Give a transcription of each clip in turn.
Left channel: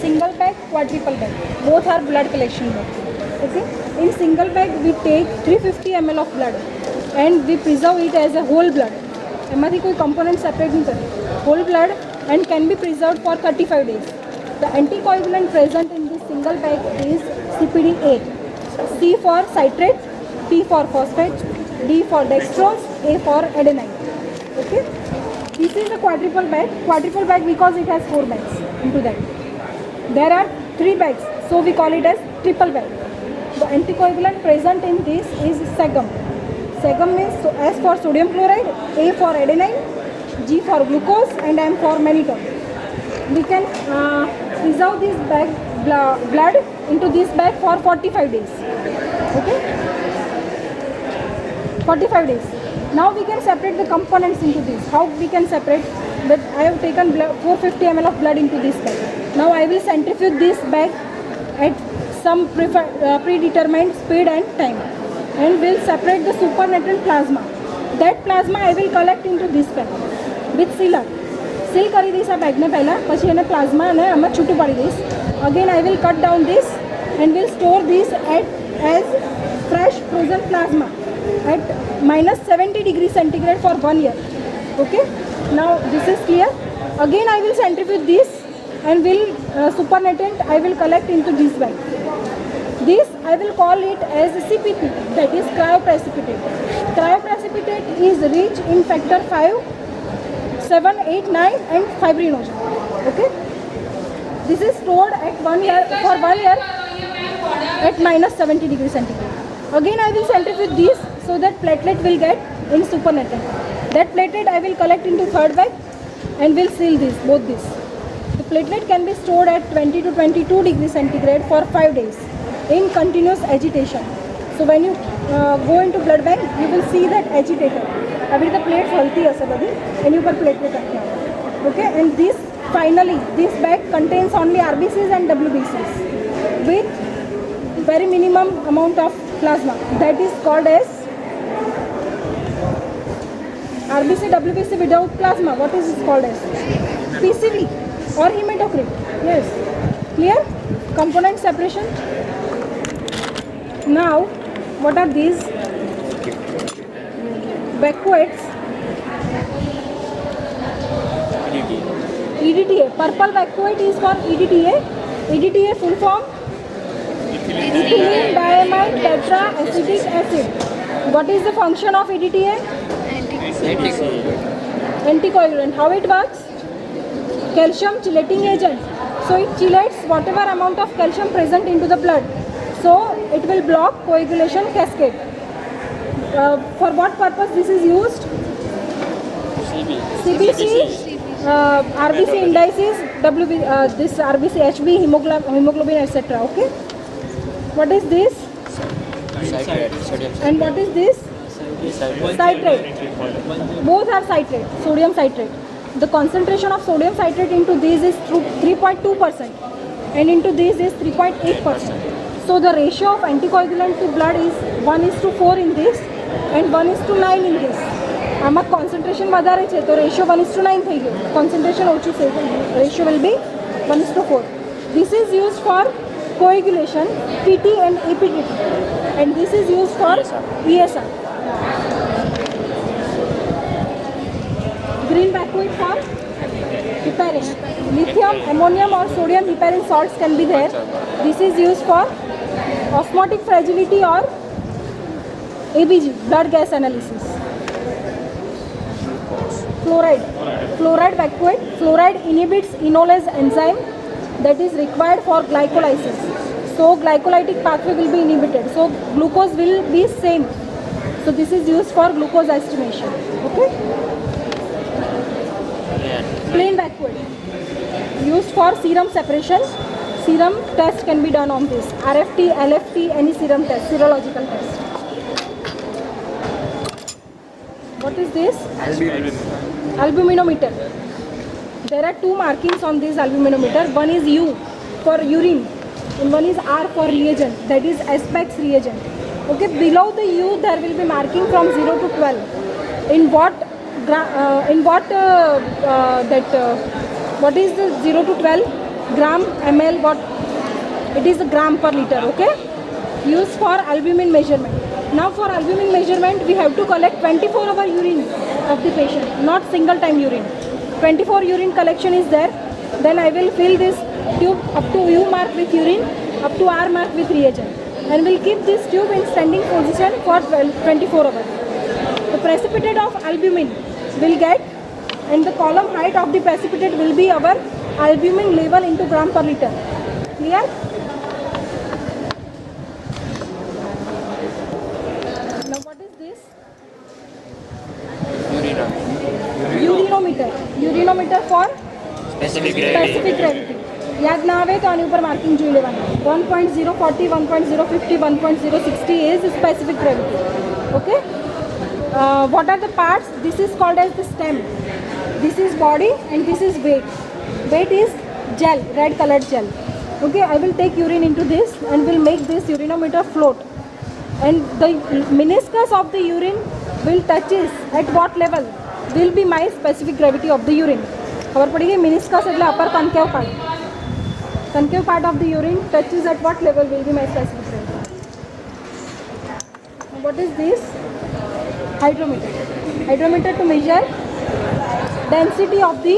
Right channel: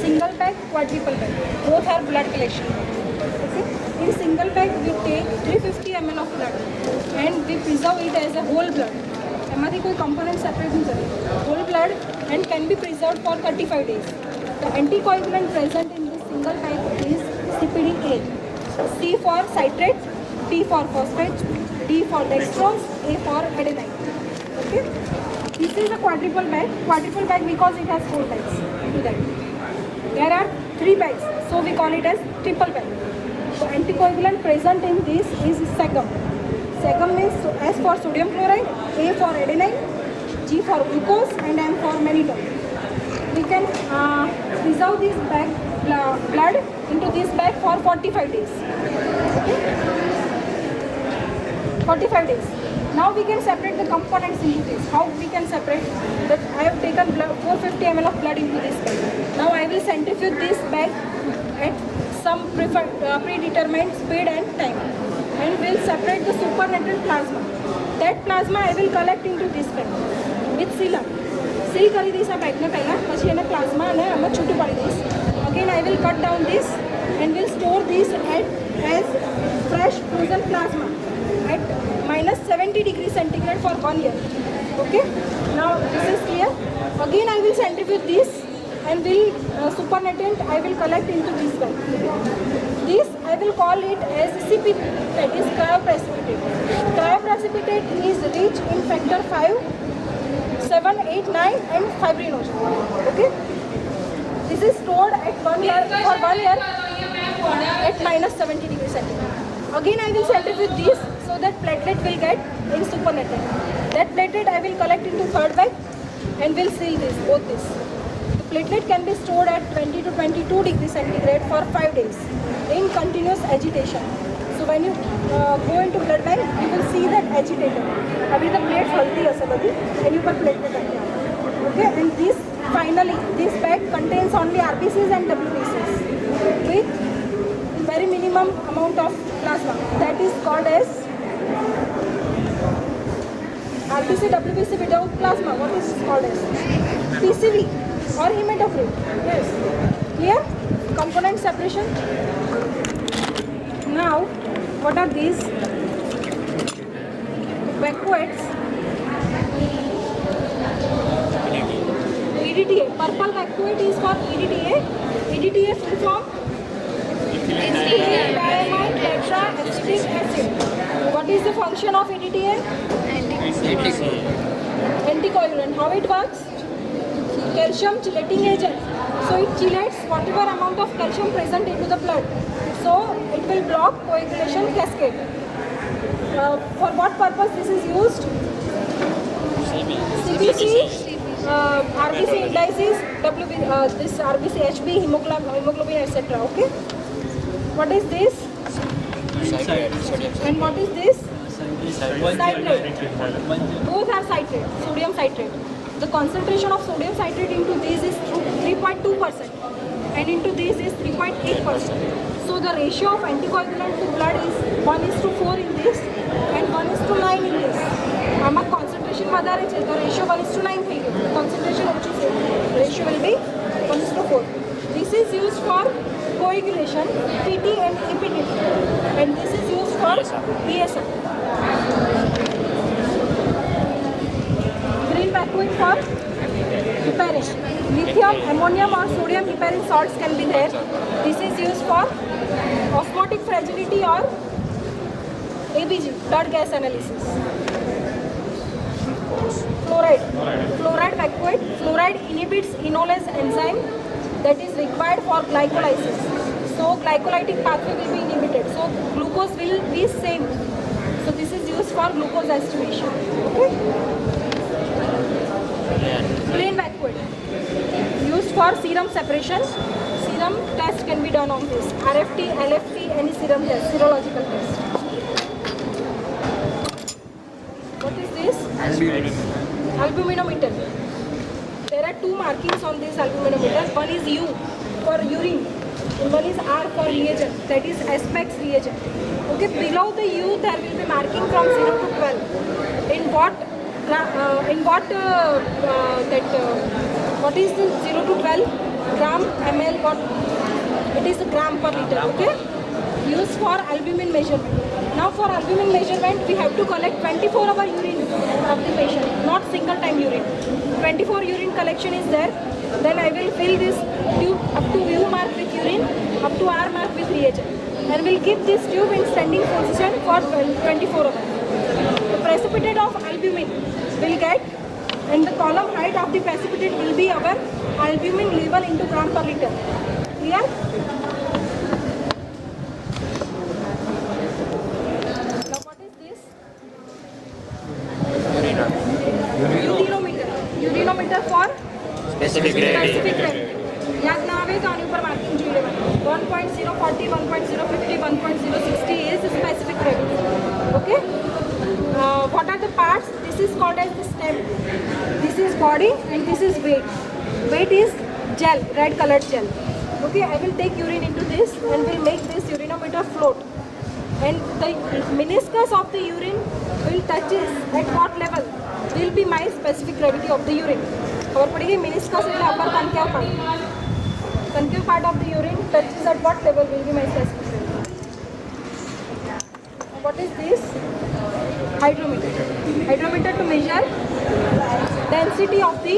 Single bag, quadruple bag, both are blood collection bag. Okay. In single bag we take 350 ml of blood and we preserve it as a whole blood. एमाथी कोई component separate नहीं करे. Whole blood and can be preserved for 35 days. The anticoagulant present in this single bag is CPD-A. C for citrate, P for phosphate, D for dextrose, A for adenine. Okay. This is a quadruple bag. Quadruple bag because it has 4 bags into that. There are 3 bags, so we call it as triple bag. The anticoagulant present in this is Segum. Segum means S for sodium chloride, A for adenine, G for glucose, and M for mannitol. We can preserve this bag blood into this bag for 45 days. Okay, 45 days. Now we can separate the components into this. How we can separate? That I have taken 450 ml of blood into this bag. Now I will centrifuge this bag at some predetermined speed and time, and will separate the supernatant plasma. That plasma I will collect into this bag with sealer. Seal કરી દઈશ આ બેગને પહેલાં, પછી એને plasma અને આમાં છૂટું પાડી દઈશ. Again I will cut down this and will store this as fresh frozen plasma at -70 degrees centigrade for 1 year. Okay. Now this is clear. Again I will centrifuge this and will supernatant I will collect into this bag. This I will call it as CPP, that is cryoprecipitate. Cryoprecipitate is rich in factor 5, 7, 8, 9 and fibrinogen. Okay. This is stored at 1 year for 1 year at -70 degrees centigrade. Again I will centrifuge this so that platelet will get in supernatant. That platelet I will collect into third bag and will seal this, both this. The platelet can be stored at 20 to 22 degrees centigrade for 5 days in continuous agitation. So when you go into blood bank, you will see that agitated. अभी the plate हलती है सब अभी, and you can platelet रखना. Okay, and this finally this bag contains only RBCs and WBCs with very minimum amount of plasma. That is called as RBC, WBC without plasma. What is this called as? PCV or hematocrit. Yes. Clear? Component separation. Now, what are these? Vacuates. EDTA. Purple vacuate is for EDTA. EDTA full form? Ethylene diamine tetraacetic acid. What is the function of EDTA? Anticoagulant. How it works? Calcium chelating agent. So it chelates whatever amount of calcium present into the blood. So it will block coagulation cascade. For what purpose this is used? CBC, RBC indices, this RBC, HB, hemoglobin, etc. Okay. What is this? And what is this? Citrate. Both are citrate, sodium citrate. The concentration of sodium citrate into these is 3.2% and into these is 3.8%. So the ratio of anticoagulant to blood is 1:4 in this and 1:9 in this. આમાં concentration વધારે છે તો ratio 1:9 થઈ ગયો. Concentration ઓછું છે, ratio will be 1:4. This is used for coagulation, PT and APTT, and this is used for ESR. Green vacuole for heparin. Lithium, ammonium or sodium heparin salts can be there. This is used for osmotic fragility or ABG, blood gas analysis. Fluoride. Fluoride vacuate. Fluoride inhibits enolase enzyme that is required for glycolysis. So glycolytic pathway will be inhibited. So glucose will be same. So this is used for glucose estimation. Okay. Plain vacuole. Used for serum separation. Serum test can be done on this. RFT, LFT, any serum test, serological test. What is this? Albuminometer. There are 2 markings on this albuminometer. One is U for urine and one is R for reagent, that is Aspex reagent. Okay, below the U there will be marking from 0 to 12. In what What is the 0 to 12 gram ml? What it is a gram per liter. Okay, used for albumin measurement. Now for albumin measurement, we have to collect 24 hour urine of the patient, not single time urine. 24 urine collection is there. Then I will fill this tube up to U mark with urine, up to R mark with reagent, and will keep this tube in standing position for 24 hours. The precipitate of albumin will get, and the column height of the precipitate will be our albumin level into gram per liter. Clear? Now what is this? Urinometer. Urinometer for Specific gravity. gravity. याद ना आवे तो आने ऊपर marking જોઈ લેવાનું. 1.040, 1.050, 1.060 is specific gravity. Okay. What are the parts? This is called as the stem. This is body and this is weight. Weight is gel, red colored gel. Okay, I will take urine into this and will make this urinometer float. And the meniscus of the urine will touches at what level? Will be my specific gravity of the urine. खबर पड़ेगी meniscus એટલે upper concave part. Concave part of the urine touches at what level will be my specific gravity. What is this? Hydrometer. Hydrometer to measure density of the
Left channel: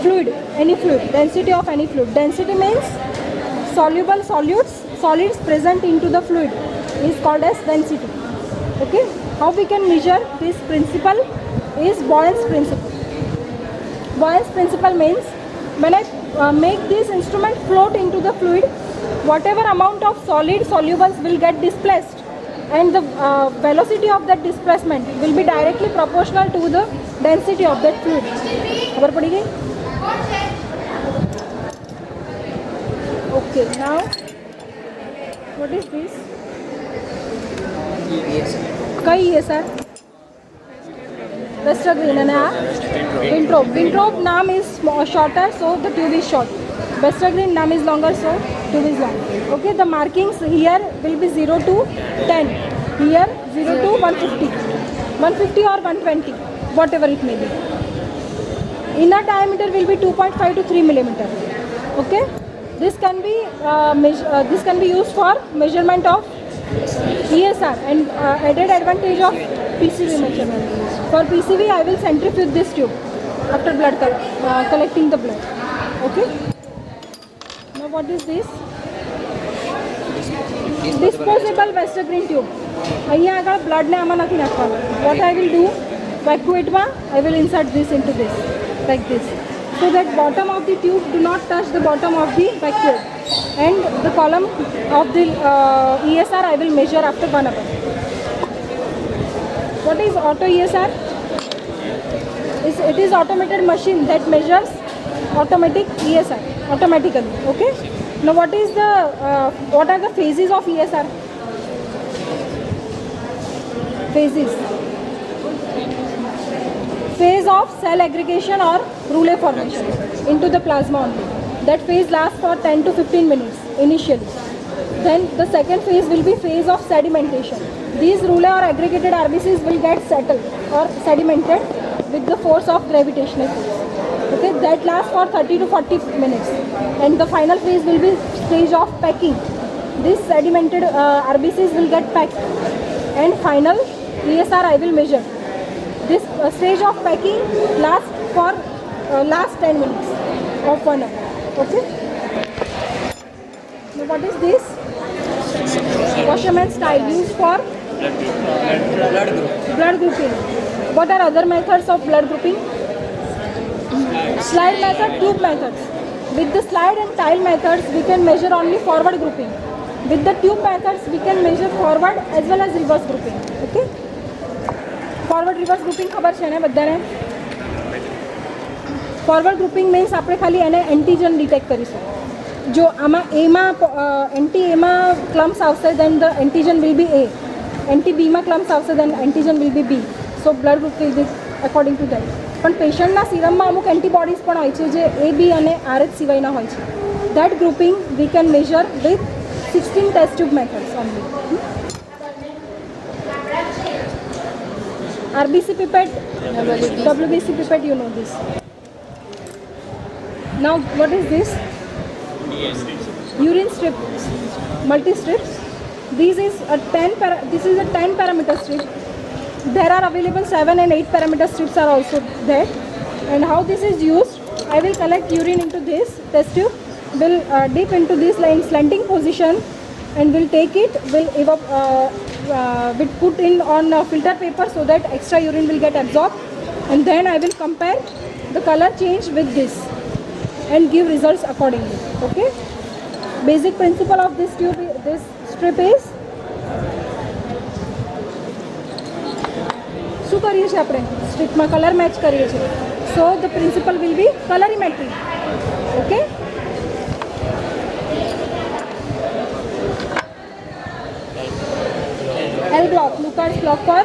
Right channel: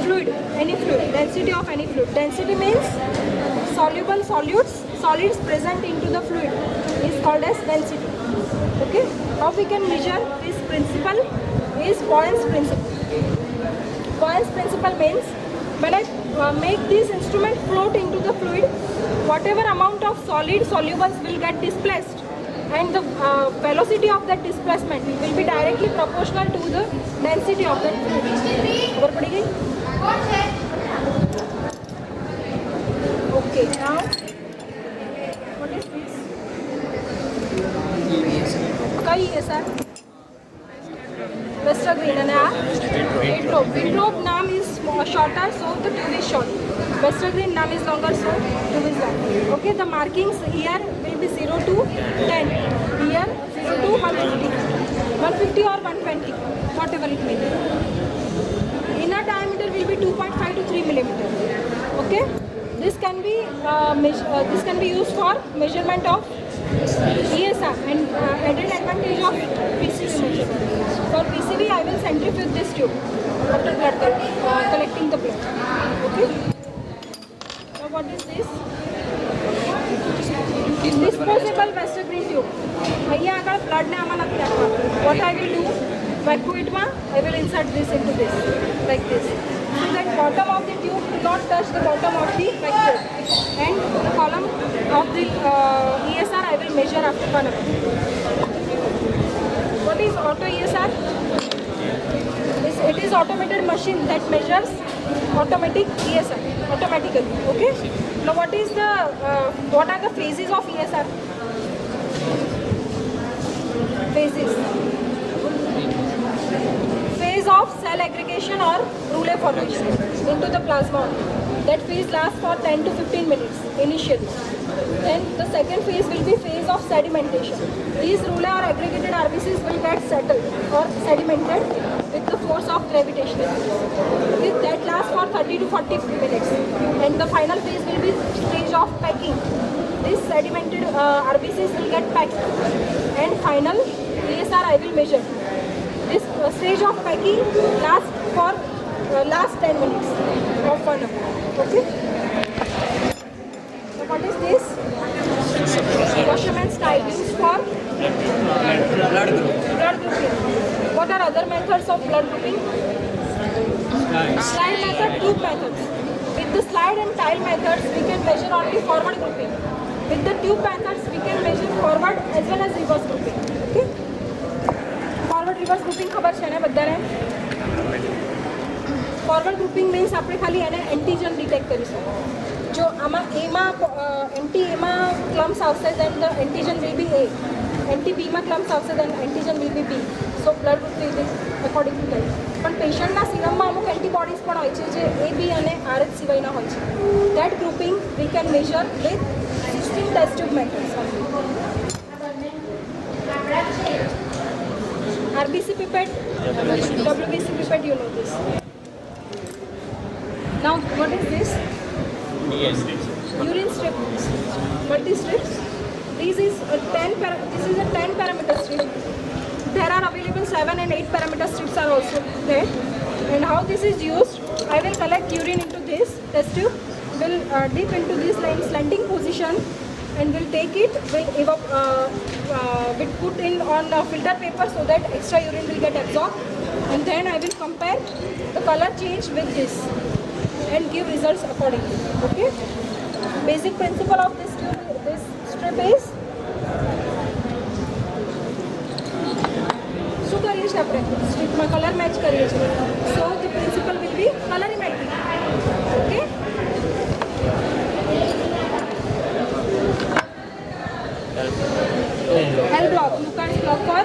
fluid, any fluid, density of any fluid. Density means soluble solids present into the fluid is called as density. Okay, how we can measure this principle is Boyle's principle. Boyle's principle means when I make this instrument float into the fluid, whatever amount of solid solubles will get displaced, and the velocity of that displacement will be directly proportional to the density of that fluid. खबर पड़ी गई? Okay, now what is this? कई है sir? Westergreen and Winthrop. Winthrop name is shorter, so the tube is short. Westergreen name is longer, so tube is long. Okay, the markings here will be 0 to 10. Here 0 to 150. 150 or 120, whatever it may be. Inner diameter will be 2.5 to 3 millimeter. Okay, this can be used for measurement of ESR and added advantage of PCV measurement. For PCV, I will centrifuge this tube after blood collecting the blood. Okay. Now what is this? Disposable Westergreen tube. અહીંયા આગળ blood ને આમાં નથી નાખવાનું. What I will do? Vacuate માં I will insert this into this like this, so that bottom of the tube do not touch the bottom of the vacuole, and the column of the ESR I will measure after 1 hour. What is auto ESR? It is automated machine that measures automatic ESR automatically. Okay. Now what are the phases of ESR? Phases. Phase of cell aggregation or rouleau formation into the plasma only. That phase lasts for 10 to 15 minutes initially. Then the second phase will be phase of sedimentation. These rouleau or aggregated RBCs will get settled or sedimented with the force of gravitational force. Okay, that lasts for 30 to 40 minutes. And the final phase will be stage of packing. These sedimented RBCs will get packed. And final ESR I will measure. This stage of packing lasts for last 10 minutes of 1 hour. Okay. Now what is this? Washerman's tile used for blood grouping. What are other methods of blood grouping? Slide method, tube methods. With the slide and tile methods, we can measure only forward grouping. With the tube methods, we can measure forward as well as reverse grouping. Okay. Forward reverse grouping ખબર છે ને બધાને? Forward grouping means આપણે ખાલી એને antigen detect કરીશું. જો આમાં એમાં એન્ટી એમાં ક્લમ્સ આવશે then the antigen will be A. Anti બીમાં ક્લમ્સ આવશે then antigen will be B. So blood group will be according to that. પણ પેશન્ટના સિરમમાં અમુક એન્ટીબોડીઝ પણ હોય છે જે A, B અને RH સિવાયના હોય છે. That grouping we can measure with 16 test tube methods only. RBC pipette, WBC pipette, you know this. Now what is this? Urine strip, multi strips. This is a 10 parameter strip. There are available 7 and 8 parameter strips are also there. And how this is used? I will collect urine into this test tube, will dip into this line slanting position, and will take it, will put in on filter paper so that extra urine will get absorbed, and then I will compare the color change with this and give results accordingly. Okay. Basic principle of this tube, this strip is શું કરીએ છીએ આપણે સ્ટ્રીપમાં colour match કરીએ છીએ. So the principle will be colorimetry. Okay. L block, Lucas block for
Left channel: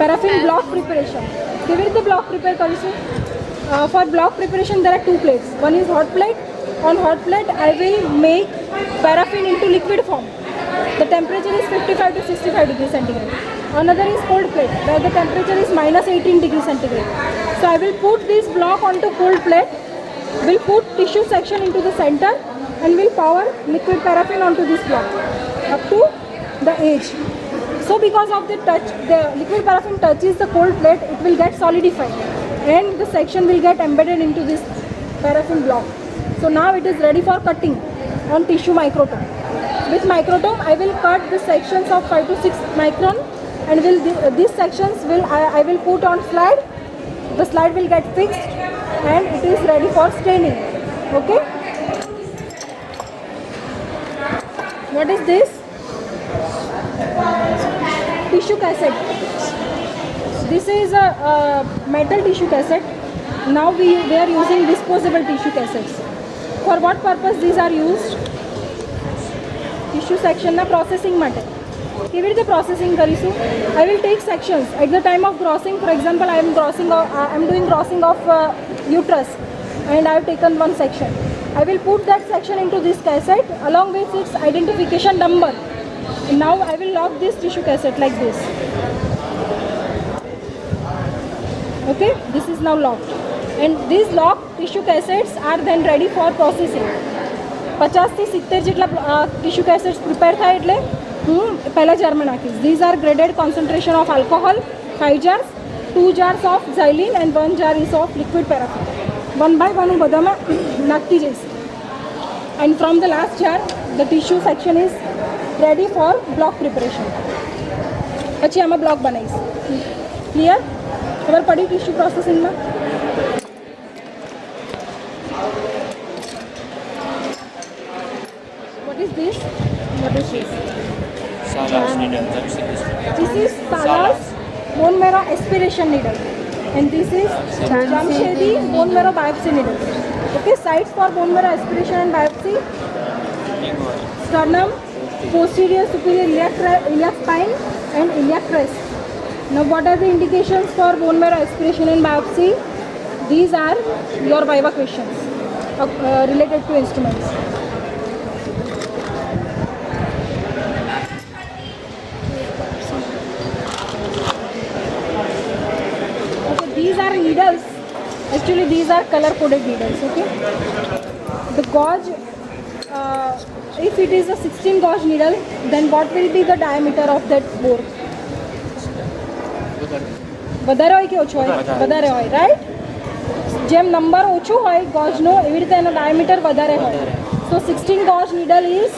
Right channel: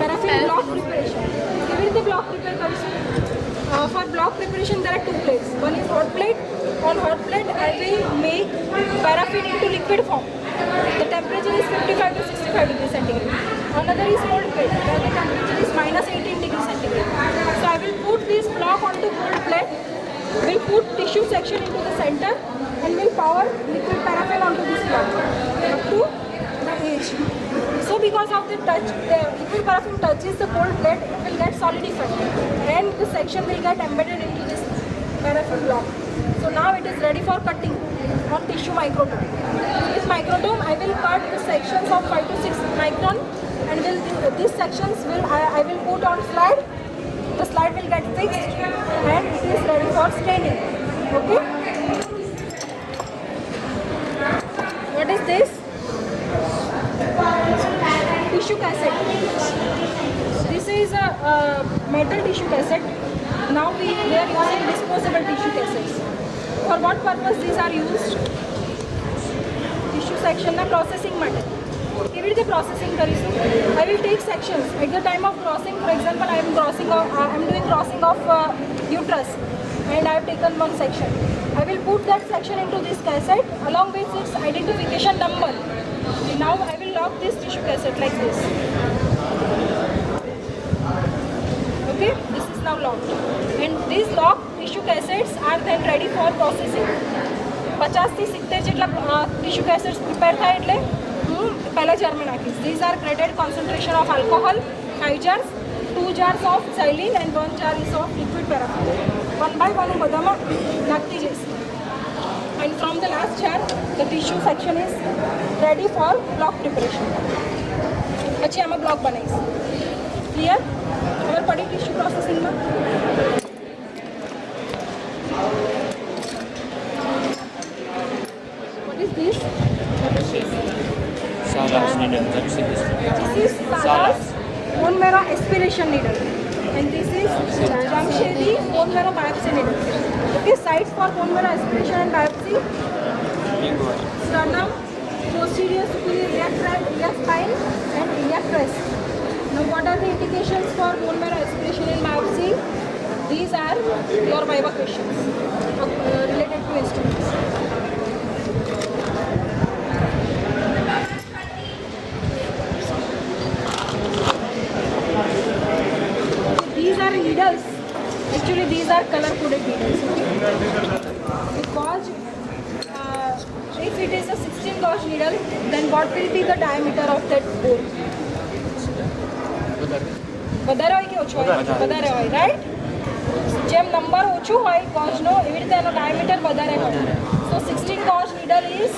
paraffin block preparation. કેવી રીતે block prepare કરીશું? For block preparation there are two plates. One is hot plate. On hot plate I will make paraffin into liquid form. The temperature is 55 to 65 degrees centigrade. Another is cold plate where the temperature is minus 18 degrees centigrade. So I will put this block onto cold plate, will put tissue section into the center, and will pour liquid paraffin onto this block up to the edge. So because of the touch, the liquid paraffin touches the cold plate, it will get solidified and the section will get embedded into this paraffin block. So now it is ready for cutting on tissue microtome. With microtome I will cut the sections of 5 to 6 micron, and these sections I will put on slide. The slide will get fixed and it is ready for staining. Okay. What is this? Tissue cassette. This is a metal tissue cassette. Now we are using disposable tissue cassettes. For what purpose these are used? Tissue section na processing માટે. કેવી રીતે processing કરીશું? I will take sections at the time of grossing. For example, I am doing grossing of uterus, and I have taken one section. I will put that section into this cassette along with its identification number. Now I will lock this tissue cassette like this. Okay, this is now locked, and these locked tissue cassettes are then ready for processing. 50 થી 70 જેટલા tissue cassettes prepare થાય એટલે હું પહેલા જારમાં નાખીશ. These are graded concentration of alcohol, 5 jars, 2 jars of xylene and 1 jar is of liquid paraffin. One by one હું બધામાં નાખતી જઈશ. And from the last jar the tissue section is ready for block preparation. પછી આમાં block બનાવીશ. Clear? ખબર પડી tissue પ્રોસેસિંગમાં? What is this? Salas needle. This is Salas bone marrow aspiration needle, and this is Jamshedi bone marrow biopsy needle. Okay, sites for bone marrow aspiration and biopsy: sternum, posterior superior iliac spine, and iliac crest. Now, what are the indications for bone marrow aspiration and biopsy? These are your viva questions related to instruments. These are needles. Actually, these are color-coded needles. Okay. The gauge, if it is a 16 gauge needle, then what will be the diameter of that bore? વધારે હોય કે ઓછું હોય? વધારે હોય, right? જેમ number ઓછું હોય ગોજનો એવી રીતે એનો ડાયામીટર વધારે હોય. So 16 gauge needle is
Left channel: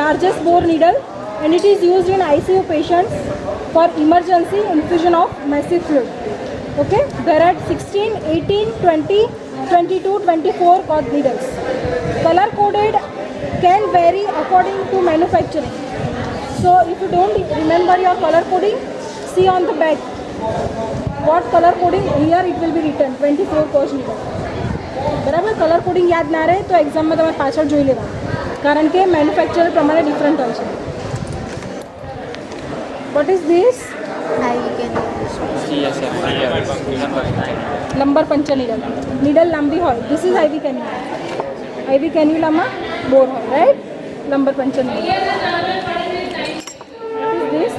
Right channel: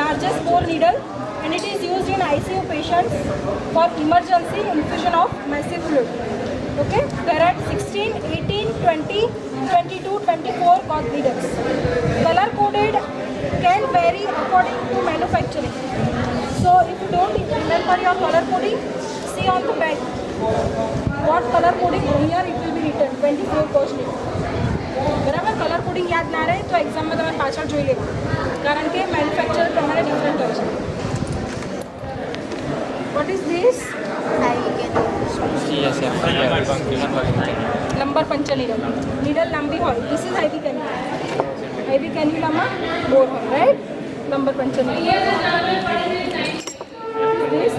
largest bore needle, and it is used in ICU patients for emergency infusion of massive fluid. Okay, there are 16, 18, 20, 22, 24 gauge needles. Color coded can vary according to manufacturing. So if you don't remember your color coding, see on the back what color coding. Here it will be written 24 gauge needle. બરાબર? Colour coding યાદ ના રહે તો એક્ઝામમાં તમે પાછળ જોઈ લેવા, કારણ કે મેન્યુફેક્ચર પ્રમાણે ડિફરન્ટ હોય છે. What is this? Lumbar puncture needle. Needle લાંબી હોય. This is Ivy cannula. આઈવી કેન્યુલામાં બોર હોય, right? Lumbar puncture needle. This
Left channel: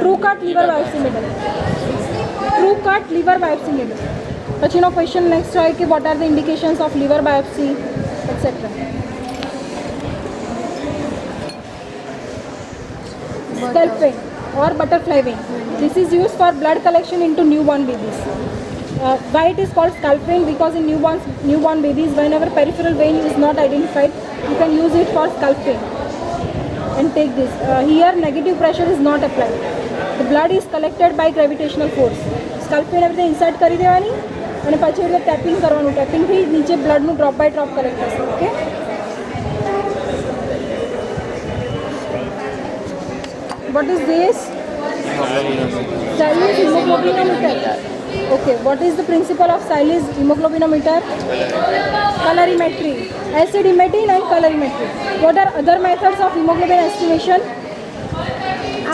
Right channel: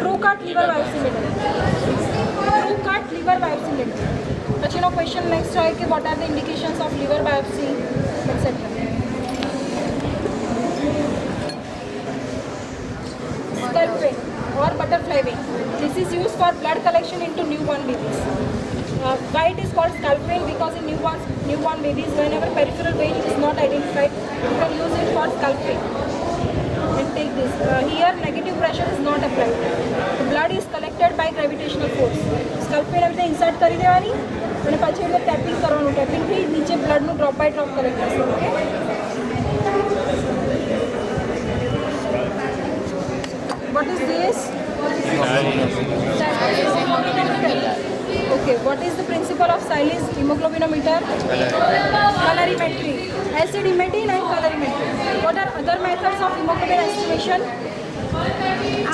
true cut liver biopsy needle. True cut liver biopsy needle. પછીનો ક્વેશ્ચન નેક્સ્ટ હોય કે what are the indications of liver biopsy etcetera. Scalp vein or butterfly vein. This is used for blood collection into newborn babies. Why it is called scalp vein? Because in newborn babies, whenever peripheral vein is not identified, you can use it for scalp vein. And take this. Here negative pressure is not applied. The blood is collected by gravitational force. Scalp vein આપણે insert કરી દેવાની અને પછી એટલે tapping કરવાનું. ટેપિંગથી નીચે બ્લડનું drop by drop collect થશે. Okay. What is this? Silas hemoglobinometer. Okay, what is the principle of Silas hemoglobinometer? Colorimetry. Acid emitting and colorimetry. What are other methods of hemoglobin estimation?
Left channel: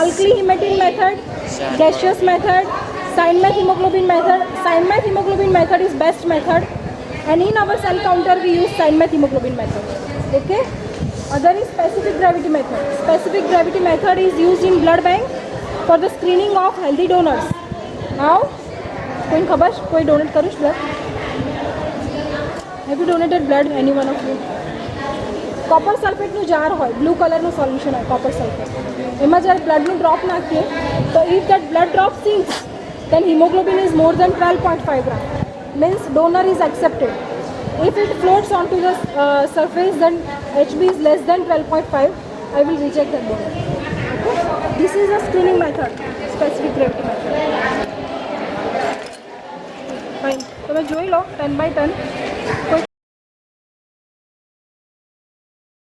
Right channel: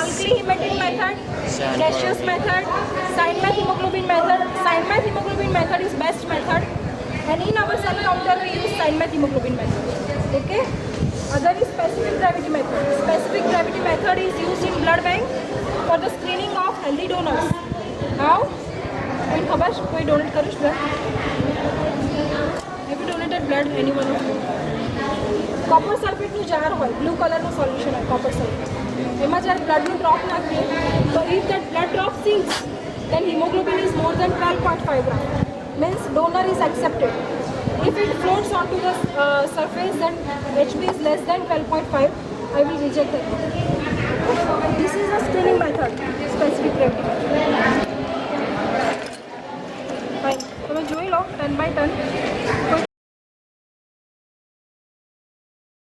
Alkali emitting method, gaseous method, Steinmetz hemoglobin method. Steinmetz hemoglobin method is best method, and in our cell counter we use Steinmetz hemoglobin method. Okay. Other is specific gravity method. Specific gravity method is used in blood bank for the screening of healthy donors. How? कोई खबर? कोई donate करूँ blood? Have you donated blood? Any one of you? Copper sulfate નું jar હોય, blue color નું solution હોય, copper sulfate. એમાં જ્યારે blood નું drop નાખીએ, so if that blood drop sinks, then hemoglobin is more than 12.5 gram. Means donor is accepted. If it floats onto the surface, then HB is less than 12.5. I will reject that one. Okay? This is a screening method, specific gravity method. Fine. તમે જોઈ લો 10 by 10. કોઈ